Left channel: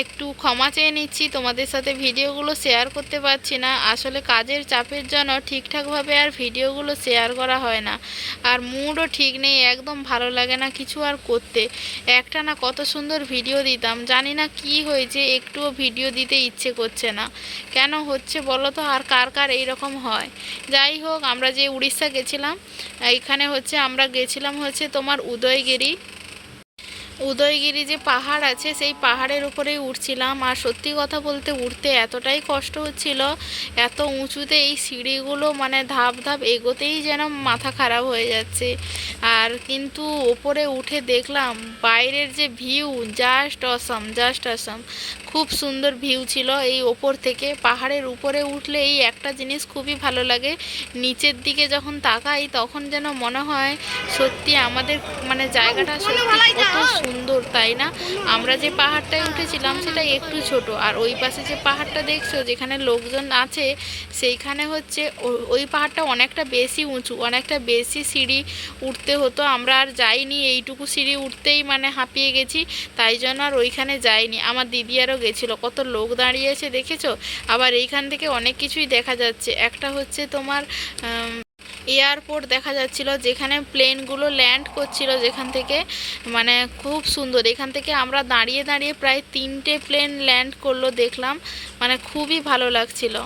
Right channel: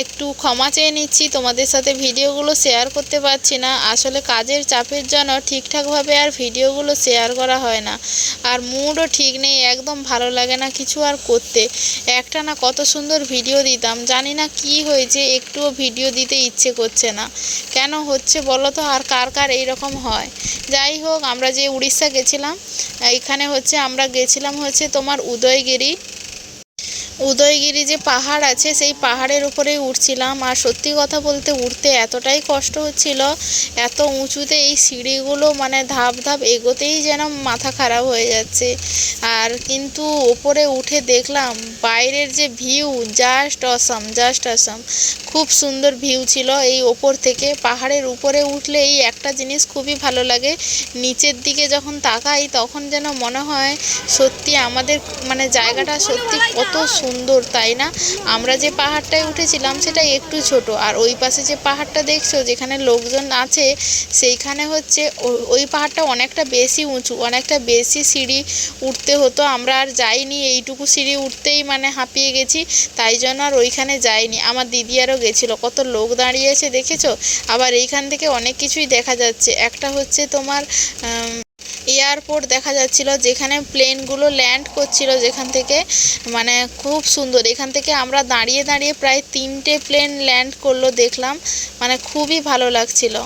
একটু ক্ষমা চেয়ে নিচ্ছি, তোমাদের সাথে ভিডিওগুলো শেয়ার করতে পারছি না। আসলে কাজের চাপের জন্য ঠিকঠাকভাবে আর ভিডিওগুলো শেয়ার করা হয় না। আর মুডও ঠিক নেই, একদম ভালো লাগে না কিছু আর করতে। একটা না কত সুন্দর ভিডিও দিতাম, জানি না কি হয়েছে, একটুও ভিডিও দিতে ইচ্ছে করছে না। কেন হচ্ছে বলো তো, আর কার কার এইরকম হয়? যাই হোক, আমরা যে উড়িষ্যা গেছিলাম, এখানে হচ্ছে আমরা গেছিলাম হচ্ছে তোমার উদয়গিরি। উদয়গিরি যে পাহাড় আছে, সেই পাহাড়ের উপরেই উঠছিলাম। আর সত্যি কথা বলতে উঠতে এতটাই কষ্ট হচ্ছিল, এত উঁচুতে এই সিঁড়িগুলো মানে ধাপ ধাপ এগোতেই যেন মাথা খারাপ হয়ে যাচ্ছে। আর কিন্তু ওপরে উঠে দেখলাম, বাইরের যে view, just awesome just awesome. খুব সুন্দর ভিউ ছিল। এই ওপর থেকে পাহাড়ের উপরে উঠলে এই একটা জিনিস খুবই ভালো লাগে। নিচের দিকে যখন তাকাই তখন যেন মনে হয় সত্যি আমাদের মানে জায়গাটা সত্যি কত সুন্দর, তাই না? আমরা যে পাহাড়টায় উঠেছিলাম সেটা একটু ছোট। আর ওই পাশে যে পাহাড়টা দেখছ, যেখানে লোকজন আছে, সেইখানে হচ্ছে ওই পাহাড়টা অনেকটা বেশি উঁচু, অনেকটা বেশি সিঁড়ি উঠতে হতো। আমরা আর যাইনি, এইটুকু সিঁড়ি উঠতেই মানে হাঁপিয়ে গেছি, তাই জন্য আর ওইখানে যাইনি। আমার দিদি আরও গেছিল, কত লোক দাঁড়িয়েছে দেখেছ? আবার এইখান থেকে অনেক কিছুই দেখা যাচ্ছে। একটা হচ্ছে তোমার এয়ারপোর্ট দেখা যাচ্ছিল, যেখানে প্লেনগুলো ল্যান্ড করছিল যেখান থেকে মানে খুব সুন্দর। এখান থেকে আমরা দাঁড়িয়ে দাঁড়িয়ে প্রায় তিনটে প্লেন ল্যান্ড করল দেখলাম মানে খুবই ভালো লাগছিল।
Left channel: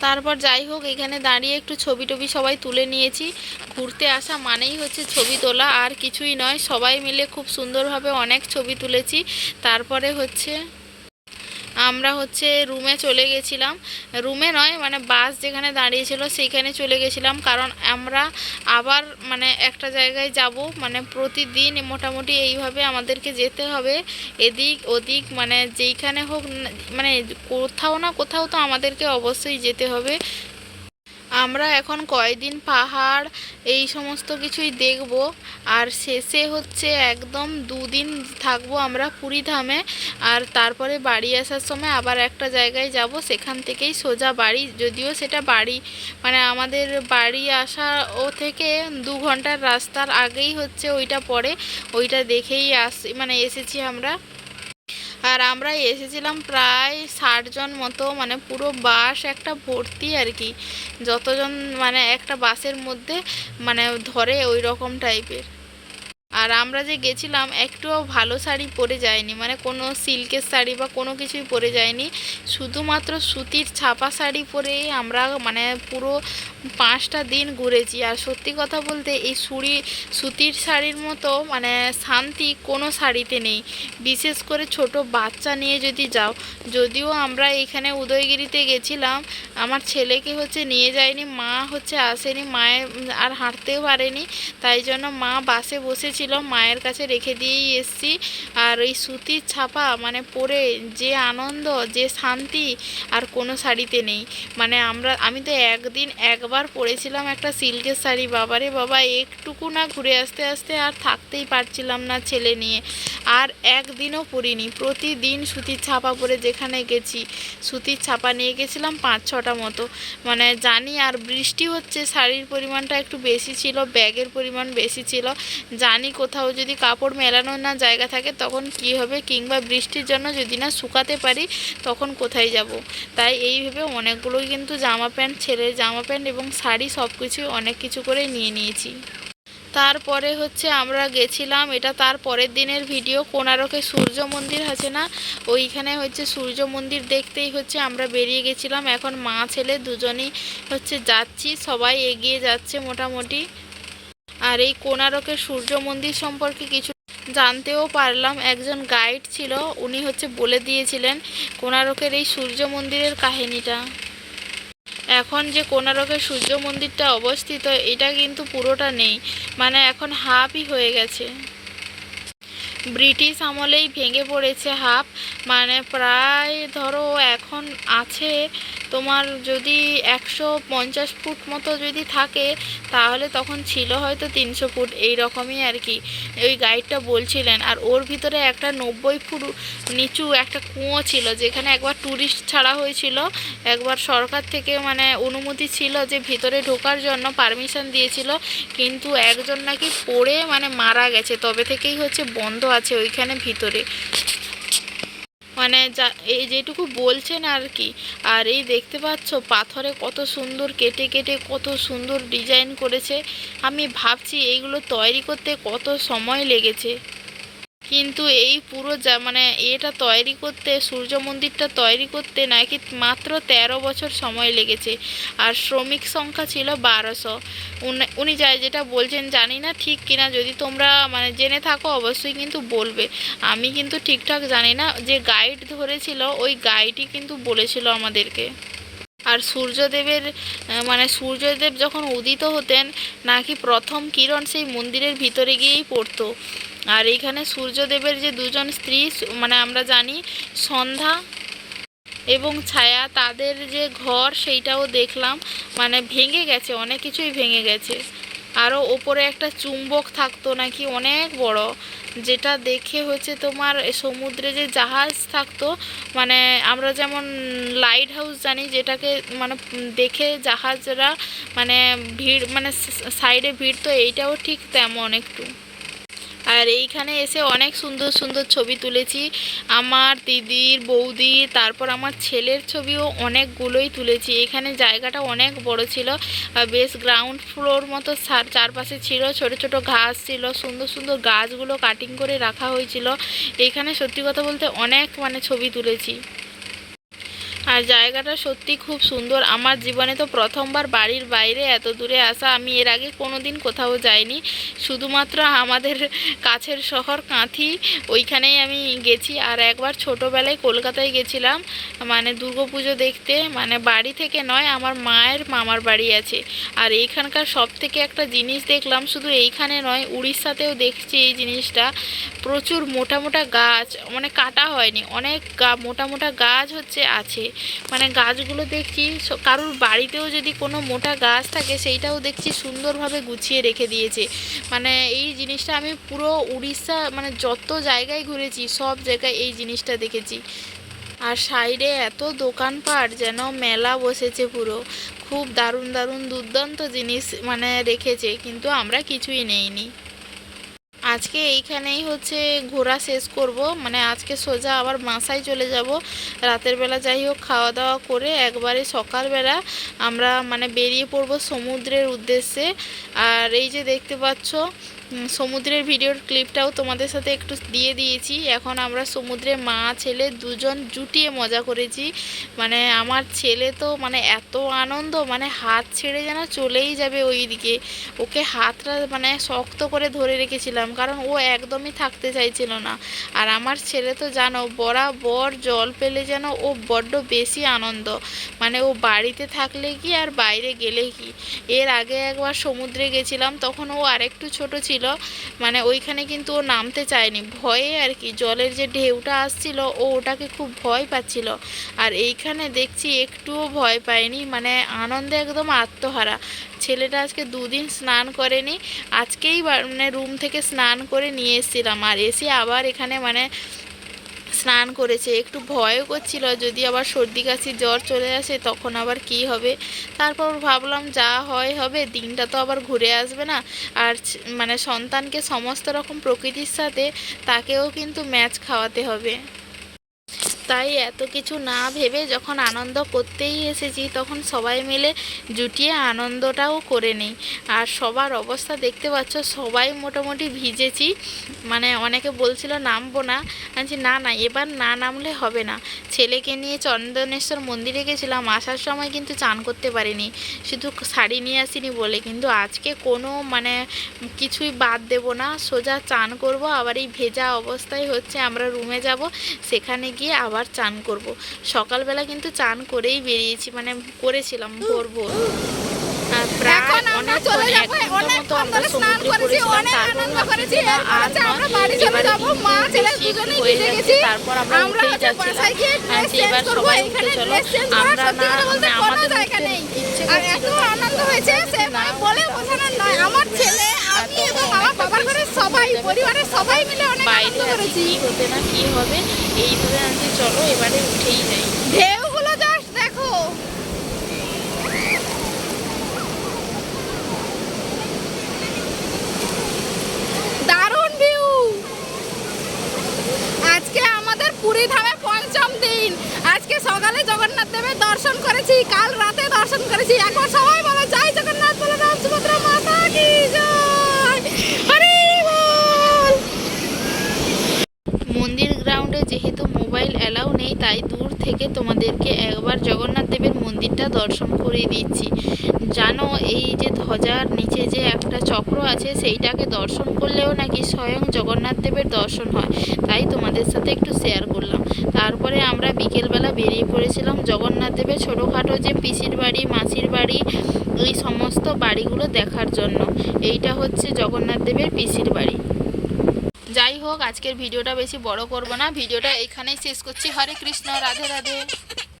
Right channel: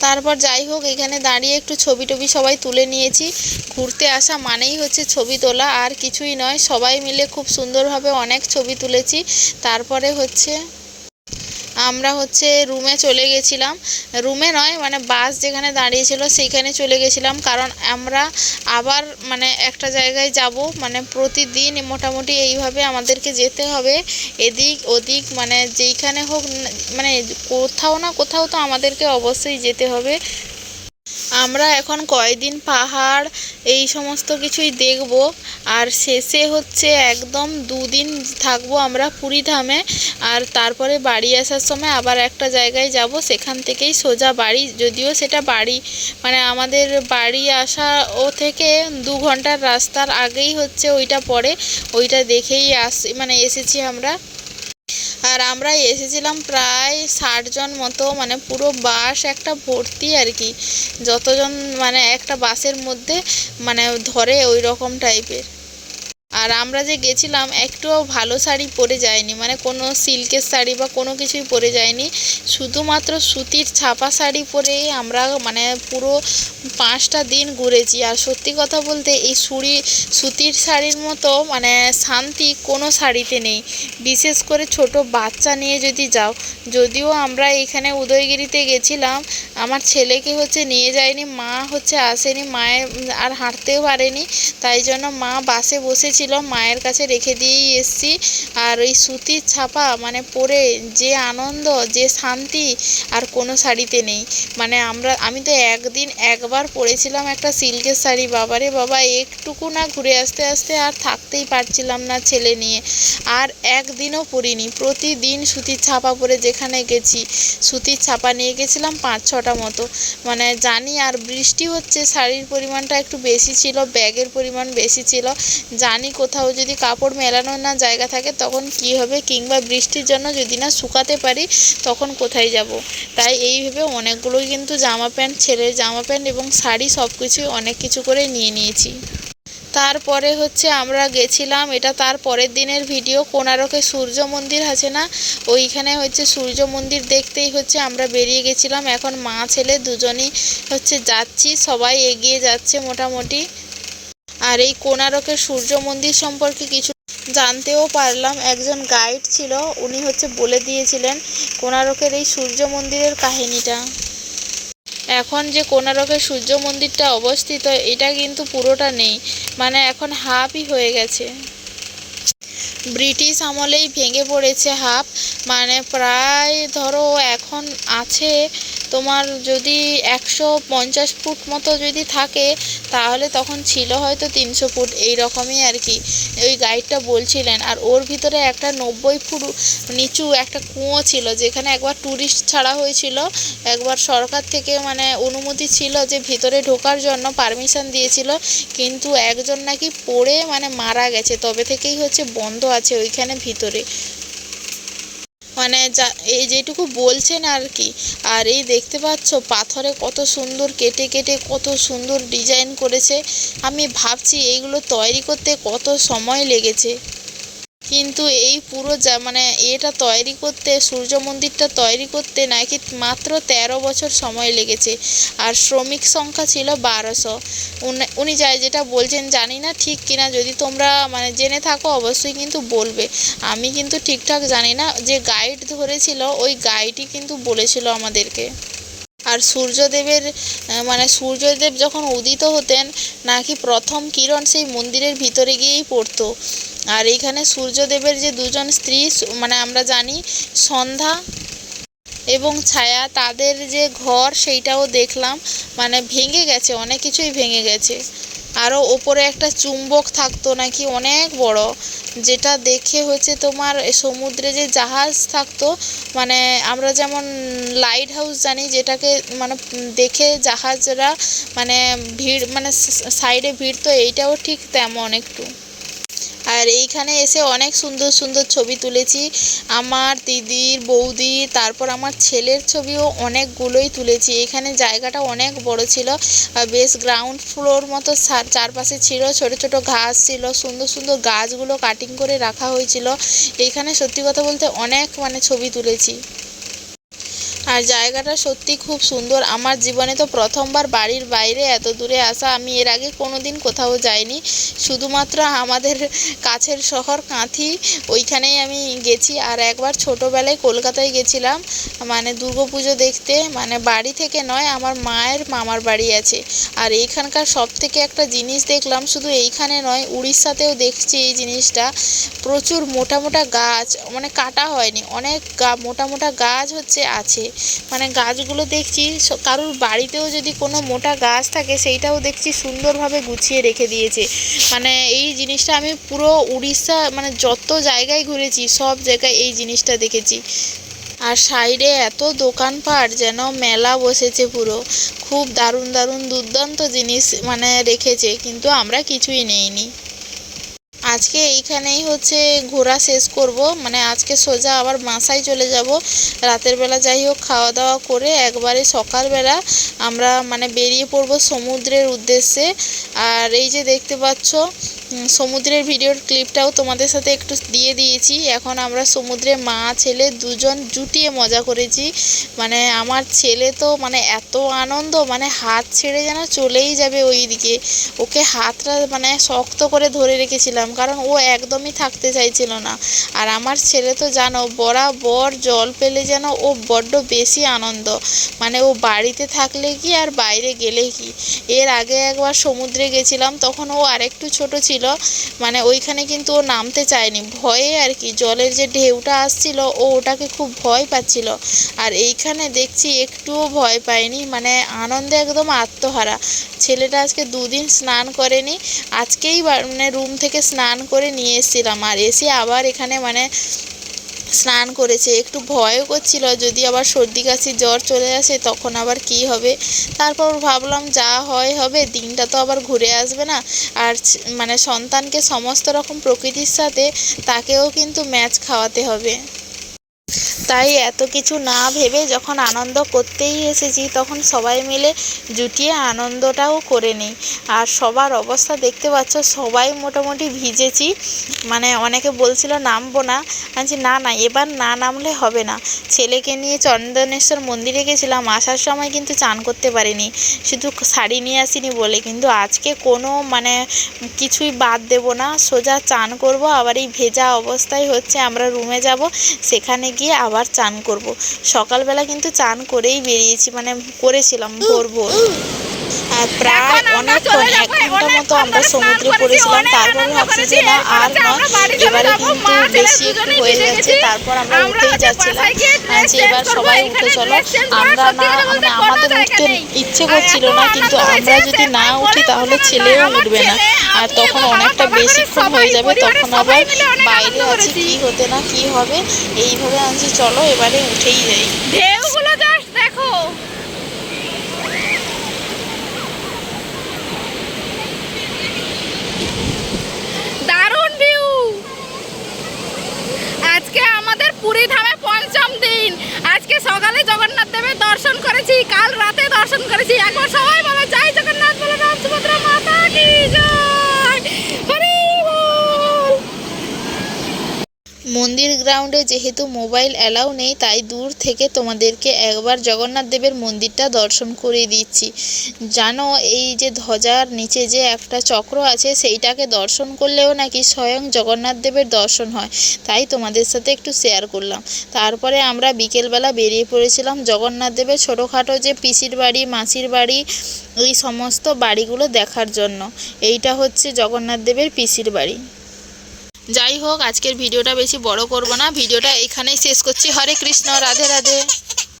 তারপর যাই হোক, এখানে দাঁড়িয়ে একটু ছবি টবি সবাই তুলে নিয়েছি। ঘুরতে আসা মানেই হচ্ছে ছবি তোলা, আর কিছুই নয়। সবাই মিলে খুব সুন্দরভাবে অনেক ছবি তুলেছি। তারপরে হচ্ছে আমরা হচ্ছে রুমে চলে গেছিলাম। রুমে নয় মানে বাস যেখানে দাঁড়িয়েছিল সেইখানে চলে গেছিলাম। কারণ আমরা আবার মানে একটা জায়গায় যাব মানে প্রতিদিন মোটামুটি এইভাবে আমাদেরকে যেতে হবে। এদিক ওদিক মানে যেইখানে হোক মানে কোথাও না কোথাও তো আমাদেরকে অবশ্যই যেতে হবে। আমরা এখন কয়দিন পাহাড়, এই সমস্ত কিছুই দেখব। আর শেষে হচ্ছে একদম দুদিন থাকব আমরা পুরীধামে আর তারপরে বাড়ি আসার সময় আবার একটা জায়গায় যাব, সেখান থেকেই সোজা বাড়ি। যদিও সেটা বাড়ি মানে আমাদের বাড়ি আসা ও থেকে দু ঘণ্টার রাস্তার আগেই হচ্ছে ওইটা পড়ে। ওইটা দেখেই আস মানে এসেছি আমরা। আর আমরা এসেছিলাম প্রায় ষাটজন মতো মানে পুরো বাস, একটা ভর্তি আর কি। যতজন মানে একটা বাসের মধ্যে মানে ধরে ওই রকম টাইপের আর আমরা যে গেছিলাম, একটুও ভালো শাড়ি পরে যায়নি। মানে কোনো সিল্কের শাড়ি বা কোনো কিছুই পরে যায়নি। শুধুমাত্র সুতির ছাপা শাড়ি পরেই আমরা মানে পুরো পাঁচটা দিন ঘুরেছি। আর সত্যি কথা বলতে এই সুড়ি, সুতির শাড়ির মতো মানে শান্তি কোনো শাড়িতে নেই। বিশেষ করে ছোট বাচ্চা নিয়ে যদি যাও, যদিও আমরা এখানে উদয়গিরিতে গেছিলাম, আমার ছেলেকে হচ্ছে নিয়ে যায়নি, মা হচ্ছে আসেনি, মায়ের আর হাঁটতেও পারেনি, তাই জন্য মা বাসে বসেছিল মায়ের কাছে রেখে দিয়েই এসছি। আর ওই সুতির ছাপা মানে পরে যে আনন্দ, যে শান্তি আর কোনো শাড়িতে নেই। মানে আমরা, আমি তো একদিন একবার পরেছিলাম একটা সিল্কের শাড়ি। বাবারে বাবা, একটুকু না ঘুরে আসতে আসতে আর থাকতেই পারছিলাম না ছেলে নিয়ে। আর একদিনও পরিনি, প্রতিদিন সুতির ছাপা পরে যেখানে গেছি, সুতির ছাপা নিয়ে গেছিলাম পাঁচ ছটা মতো। মানে জানি আর বৃষ্টি হচ্ছে, শাড়ির পরিমাণটা একটু বেশি ছিল, ব্যাগের পরিমাণ বেশি ছিল। জানি কোথাও যদি কাপড় মেলানোর না জায়গা থাকে, তখন কি হবে? কিংবা বৃষ্টির জন্য যদি না শুকাতে পারি, তখন কোথায় যাব? তাই এইভাবে অনেকগুলো কিন্তু জামা প্যান্ট, ছেলের জামা প্যান্ট এবং শাড়ি সব কিছুই অনেক কিছু করে নিয়ে নিয়েছি। তারপরে হচ্ছে আমরা গেছিলাম, এটা তার পরের দিনের ভিডিও, কোনারকে সূর্য মন্দির আছে না? ওইখানে হচ্ছে সূর্য মন্দির দেখতেই হচ্ছে আমরা বেরিয়ে গেছিলাম। এখন মা, ছেলে দুজনই হচ্ছে যাচ্ছি, সবাই এগিয়ে যাচ্ছে মোটামুটি। আর এই কোনারকের সূর্য মন্দির সম্পর্কে কিছু জানতেও পারলাম। একজন গাইড ছিল, উনি হচ্ছে বলে দিয়েছিলেন কোনারকের এই সূর্য মন্দিরের কাহিনীটা। এখন যে কোনারকের সূর্য মন্দিরটা অবস্থিত, এটা কিন্তু পুরোটা নেই মানে এখন হাফই হয়ে গেছে। ব্রিটিশ আমলেই ভেঙে পড়েছে হাফ মানে প্রায় ধরো এখন আছে তোমার যদি একশো পঞ্চাশ ফুট মতো যদি থাকে, তাহলে তখন ছিল হয়তো তিনশো ফুট, এই রকমই আর কি। ওই গাইডটা বলছিলেন, আর ওর ভিতরে একটা নব্বই ফুট নিচু একটা কুঁয়ো ছিল, যেখানে একবার ট্যুরিস্ট ছাড়া হয়েছিল। একবার সরকার থেকে মানে অনুমতি ছিল যে ভিতরে ঢোকার জন্য পারমিশন দিয়েছিল, কিন্তু একজন নাকি পড়ে মানে মারা গেছে, তবে থেকেই হচ্ছে বন্ধ আছে ওইখানে ভিতরে। মানে যা, এই যেটুকু বলছেন আর কি, আর এই দেখতে পাচ্ছ পাথরে কত সুন্দর কেটে কেটে কত সুন্দর ডিজাইন করেছে। আমি ভাবছি এইগুলো তৈরি করতে কত সময় লেগেছে। কিন্তু এই পুরো যা মানে এটা তৈরি করতে, সূর্য মন্দিরটা তৈরি করতে নাকি মাত্র তেরো বছর সময় লেগেছে। আর শ্রমিক সংখ্যা ছিল বারোশো। উনি যাই যেটা বলছেন জানি না ঠিক কিনা, যদি তোমরা মানে জেনে থাকো অবশ্যই কিন্তু বলবে। আমি কিন্তু ঠিকঠাক জানি না, যে গাইড ধরেছিল, ওই গাইডই কিন্তু বলেছিল আমাদেরকে। আর সূর্যদেবের মানে সূর্যদেব যখন উদিত হতেন, নাকি প্রথম কিরণ সেই মন্দিরের ভিতরে গিয়েই পড়তো। আর এইখানে সূর্যদেবের যে দুজন স্ত্রী মানে আমরা জানি সন্ধ্যা এবং ছায়া, তাদের যে ঘর সেইটাও দেখলাম মানে ভেঙে গেছে, অনেক কিছুই ভেঙে গেছে। আরও ওপরে একটা চুম্বক থাকতো নাকি, অনেক বড়, যেটা দেখে হচ্ছে তোমার সমুদ্রে যে জাহাজ থাকতো মানে আমরা যেমন লাইট হাউস জানি, যেটাকে মানে দেখে জাহাজরা মানে ভিড় মানে সাইডে ভিড় তো এইটাও ঠিক তেমন একটু। আর এইখানে এসে অনেক সুন্দর সুন্দর ছবি তুলেছি। আমার দিদির, বৌদির, তারপর আমার ছেলের ছবিও অনেকগুলোই তুলেছি। এখানে জায়গাটা অনেক বড় ছিল। বেশ গ্রাউন্ড ফ্লোর মতো চারপাশে ছিল। ছোট ছোট ঘাস ছিল। সুন্দর সুন্দর গাছগুলো কাটিং করে রাখা হয়েছিল। এইখানে সত্যি কথা বলতে অনেক মানে ছবি তুলেছি। আর জায়গাটা সত্যি খুব সুন্দর। আমার জীবনে তো প্রথমবার বাড়ির বাইরে এত দূরে আসা, আমি এর আগে কোনো দিন কোথাও যাইনি। শুধুমাত্র আমাদের কাছের শহর কাঁথি, ওইখানেই আমি গেছি। আর একবার ছোটোবেলায় কলকাতায় গেছিলাম মানে পুজো দেখতে মানে বাড়ি থেকে নয়, আমার মায়ের মামার বাড়ি আছে। আর এইখানকার সব থেকে একটা জিনিস দেখলাম, শুধু এইখানে নয়, উড়িষ্যাতেও দেখছি এই জিনিসটা। প্রচুর মোটা মোটা গাছ মানে কাটা হয়নি, অনেক গা, মোটা মোটা গাছ হচ্ছে, আছে। মানে গাছগুলো দেখছি কারোর বাড়িতেও যদি কোনো মোটা গাছ থাকে, সেইটাও দেখছি সুন্দরভাবে গুছিয়ে রেখে দিয়েছে। মানে এই জিনিসটা আমি পুরো উড়িষ্যা মানে যত জায়গায় ঘুরেছি, সব জায়গায় এই জিনিসটা দেখেছি। আর সাইডে এত দোকানপাট যেন মেলা বসেছে পুরো। খুব দারুণ দারুণ দুর্দান্ত জিনিস মানে রেখেছে, কিন্তু আমরা কিছুই নেইনি। আজকে এইখানেই হচ্ছে ঘোরা শেষ করব। মানে আজকে সোজা আবার বাসায় চলে যাব। রাতের বেলা যাই হোক খাওয়া দাওয়া করে একবারে সকালবেলা আমরা মানে বেরিয়ে পড়ব সমুদ্রের উদ্দেশ্যে। আর এই যে দেখতে পাচ্ছ সমুদ্রের ভিডিওর ক্লিপটাও তোমাদের সাথে একটু দিয়ে দিয়েছি। এখন আমরা সমুদ্রে মা, ছেলে দুজন জুটিয়ে মজা করেছি। মানে আমার ছেলে তো মানে এত আনন্দ মানে হাত ছেড়ে যেন চলেই যাবে ওই দিকে ওকে হাতটা মানে শক্ত করে ধরে রেখেছিলাম, কারণ ও একদমই থাকতে চাইছিল না। আর আমার ছেলে তো জানো, বরাবর জল পেলে যেন ও বড্ড বেশি আনন্দ। মানে ও বাড়িতে থাকলে কি আর বাইরে গেলে কি? এর আগে একবার সমুদ্রে গেছিলাম, তখন ও আরেকটু ছোট ছিল। মানে ওইখানে কিন্তু ও নামতে চায়নি। ভয়ে আর কি জলের যে ঢেউটা আসছিল, ও ওটাকে খুব ভয় পাচ্ছিল। আর এইখানে দেখছি একটুও ভয় পায়নি। মানে আনন্দে একদম আত্মহারা। ছেলেটা আজকে দুদিন স্নান করেনি। আজকেই মানে রুম থেকে স্নান করে নিয়ে এসেছিলাম। আর এসে আবার এখানে মানে স্নান করেছে, একটু ভয়ও করছিল। যদি আবার সর্দি কাশি জ্বর চলে আসে, তখন আবার কি হবে? তারপর ভাবলাম, যা হয় হবে, দিনটা তো আবার ঘুরে আসবে না। আর মানে সন্তানকে সমস্ত রকম প্রকৃতির সাথে তাকেও কিন্তু ম্যাচ খাওয়াতে হবে। তাই এত কিছু না ভেবে যখন আনন্দ করতেই এসেছি তখন সবাই মিলে জুটিয়ে আনন্দটাও করে নিই। আর সবার অবস্থা দেখতে পাচ্ছ সবাই মোটামুটি ভিজেছি। মানে অনেকে বলছিল নামবো না। বলছি, না না এবার না নামলে হবে না। ছেলেকে নিয়ে চন্দনেশ্বর মন্দিরে গেছিলাম আসার সময় কিন্তু চান করতে পারিনি। শুধু শাড়ি নিয়ে আসিনি বলে কিন্তু আজকে কোনো মানে কিছুই বাদ দেব না। সোজা চান করব আবার এই ভেজা অবস্থায় হচ্ছে আমরা রুমে যাব সেখানে গিয়ে আবার চান করব। সকালবেলা কিন্তু চান করেই বেরিয়েছি মানে করেছিলাম ভোর ভোর। প্রায় অনেকক্ষণ ঘণ্টা মতো আমরা সমুদ্রে পড়েছিলাম তারপরে ভাবছি যে না আর বাড়ি চলে এবারে কিন্তু বেশি হয়ে যাচ্ছে তারপর আমরা উঠেই যাচ্ছিলাম dress যে এবার সবাই উঠে চলো আমরা না মানে আমাদের উঠতে। ইচ্ছে করছিল না কিন্তু আমরা যদি না উঠি তাহলে ছেলেও উঠবে না আর তখন অনেকটা বেশিক্ষণ হয়ে যাবে তখন আবার বাইরে আছে। কি হতে না কি হবে এইভাবে আনছি চলো এবারে উঠেই যাই ঢেউগুলো জাস্ট দেখো দারুণ ভিউ আজকে আমাদের পুরী ধামে পঞ্চম দিন। আজকে সকালে জগন্নাথ দেবের দর্শন করেছি, কাল রাতে দর্শন করেছি। এখন সবাই বলে জয় জগন্নাথ বলে রাম সুভদ্রা মাতা কি জয় হরি বল মন্দির গ্রাউন্ডে যেহেতু মোবাইল অ্যালাউ নেই, তাই দূর থেকে তোমাদেরকে একবার জগন্নাথ দেবের মন্দিরটা দর্শন করিয়ে দিচ্ছি। জানো, এই যে ধ্বজার নিচে যে একটা চক্র আছে, সেইটাকে দর্শন করলেও নাকি স্বয়ং জগন্নাথ দেবের দর্শন হয়। তাই তোমাদের সাথে একটু শেয়ার করলাম। তারপরে আমরা বিকেলবেলা বেরিয়ে পড়েছিলাম জগন্নাথ দেবের ছোটোখাটো যে পিসির বাড়ি, মাসির বাড়ি, এই সমস্ত বাড়িগুলো দেখার জন্য। এইটা হচ্ছে জগন্নাথ দেবের পিসির বাড়ি। যাই হোক, আজকের ভিডিওটা বেশি বড় করব না। ভিডিওটা এখানেই শেষ করছি। হরে কৃষ্ণ, রাধে রাধে।